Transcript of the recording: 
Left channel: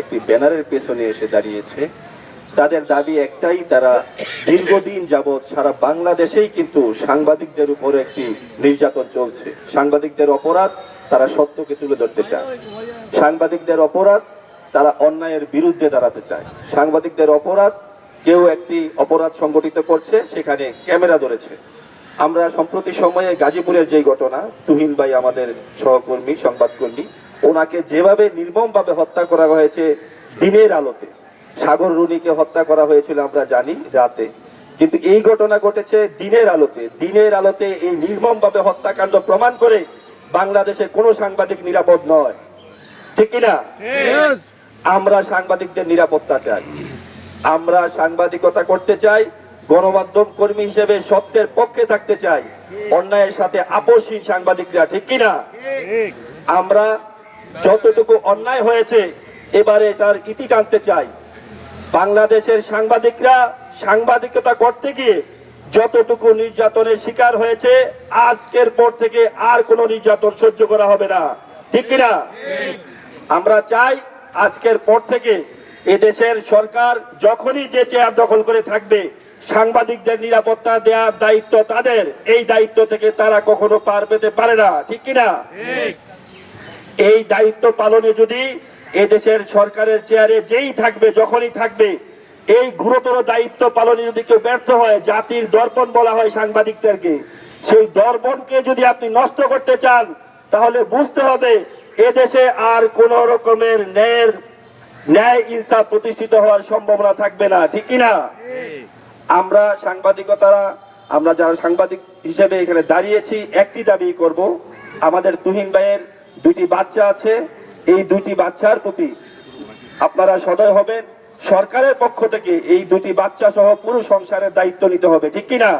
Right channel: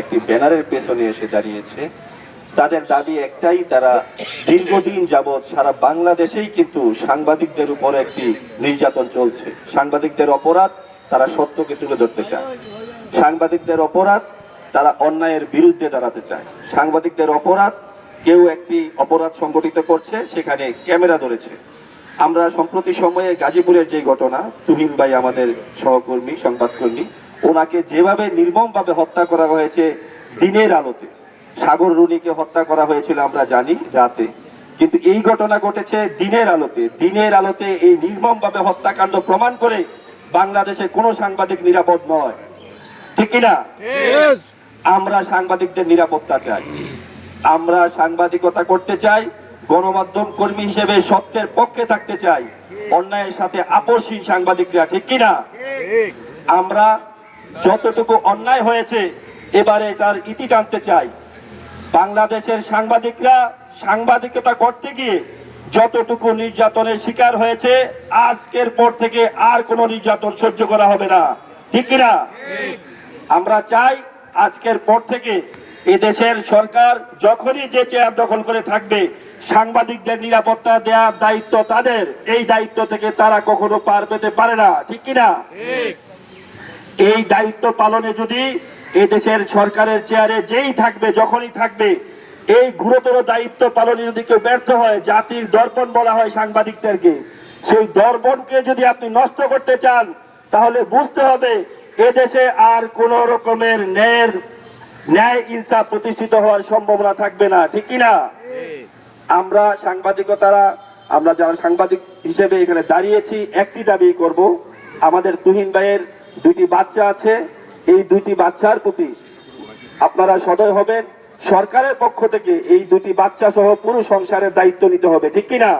একটি ব্যানারের পেছনে এসে দাঁড়িয়েছে। তাদের দাবি একটাই, তারা দীর্ঘদিন যাবৎ সারা বাংলাদেশেই কিন্তু সাংবাদিকদের উপরে একটি নির্যাতন চলছে। সাংবাদিকদের অপরাধ, তারা সত্যকে তুলে ধরতে চায়। সাংবাদিকদের অপরাধ, তারা অন্যায়ের বিরুদ্ধে দাঁড়াতে চায়। সাংবাদিকদের অপরাধ, কেউ একটি অপরাধ সংগঠিত করছে, সেখানে ক্যামেরা ধরেছে। আমরা সম্প্রতি সময়ে গাজীপুরের যে ঘটনা, তুহিন ভাই আমাদের সহকর্মী সংবাদকর্মী, ওনাকে যেভাবে নির্মমভাবে হত্যা করা হয়েছে দিনের আলোতে, সাগর রুনিকে হত্যা করা হয়েছিল আমরা জানি রাতে, কিন্তু এই ঘটনা ঘটেছে দিনের আলোতে। দিনের আলোতে এই নির্মমভাবে হত্যাকাণ্ড প্রমাণ করে বাংলাদেশে কোনো সাংবাদিক নিরাপদ নয়, ঠিক কিনা? আমরা সাংবাদিকদের নিরাপত্তা চাই, আমরা সাংবাদিকতা করতে চাই, গণমাধ্যম কর্মী হিসেবে সত্যের পক্ষে থাকতে চাই, অন্যায়ের সাথে আপোষহীন সাংবাদিকরা, ঠিক কিনা? আমরা যতটুকু অন্যায় হয়েছে এবারে এটার ইতি টানতে চাই। বাংলাদেশের সাংবাদিকরা সাংবাদিকতা করতে গিয়ে যতটুকু নির্যাতনের শিকার হয়েছে, আজকের পর থেকে আর কোনো নির্যাতন সহ্য করা হবে না, ঠিক কিনা? আমরা চাই আজকের পর থেকে এদেশের সরকার যখনই যে চেয়ার দখল করে থাকবে, সাংবাদিকদের নিরাপত্তা দেওয়ার দায়িত্ব তাদের, এই দায়িত্ব থেকে তারা কখনো পার পেতে পারে না, ঠিক কিনা? এই দায়িত্ব পালনে যদি এদেশের সরকারের চেয়ারে যেই থাকবে, যখনই থাকবে, এই গুরুতর দায়িত্ব পালনে যদি কেউ ব্যর্থ হয়, জাতির দর্পণ বলা হয় সাংবাদিকদেরকে, সেই দর্পণকে যদি আপনি নষ্ট করতে চান, তাহলে বুঝতে হবে এদেশে আর কোন রকমের ন্যায় ইনসাফ প্রতিষ্ঠিত হওয়ার সম্ভাবনা থাকবে না, ঠিক কিনা? আমরা সাংবাদিকতারা, আমরা যারা সাংবাদিক হিসেবে এখানে দাঁড়িয়েছি, একটি দাবি করব, আমাদের তুহিন ভাইয়ের দুটি বাচ্চা আছে, এই দুটি বাচ্চার প্রতি আপনারা সদয় হবেন। সরকারের পক্ষ থেকে এই দুটি বাচ্চা সহ পুরো সংসারের দায়িত্ব নিতে হবে, ঠিক কিনা?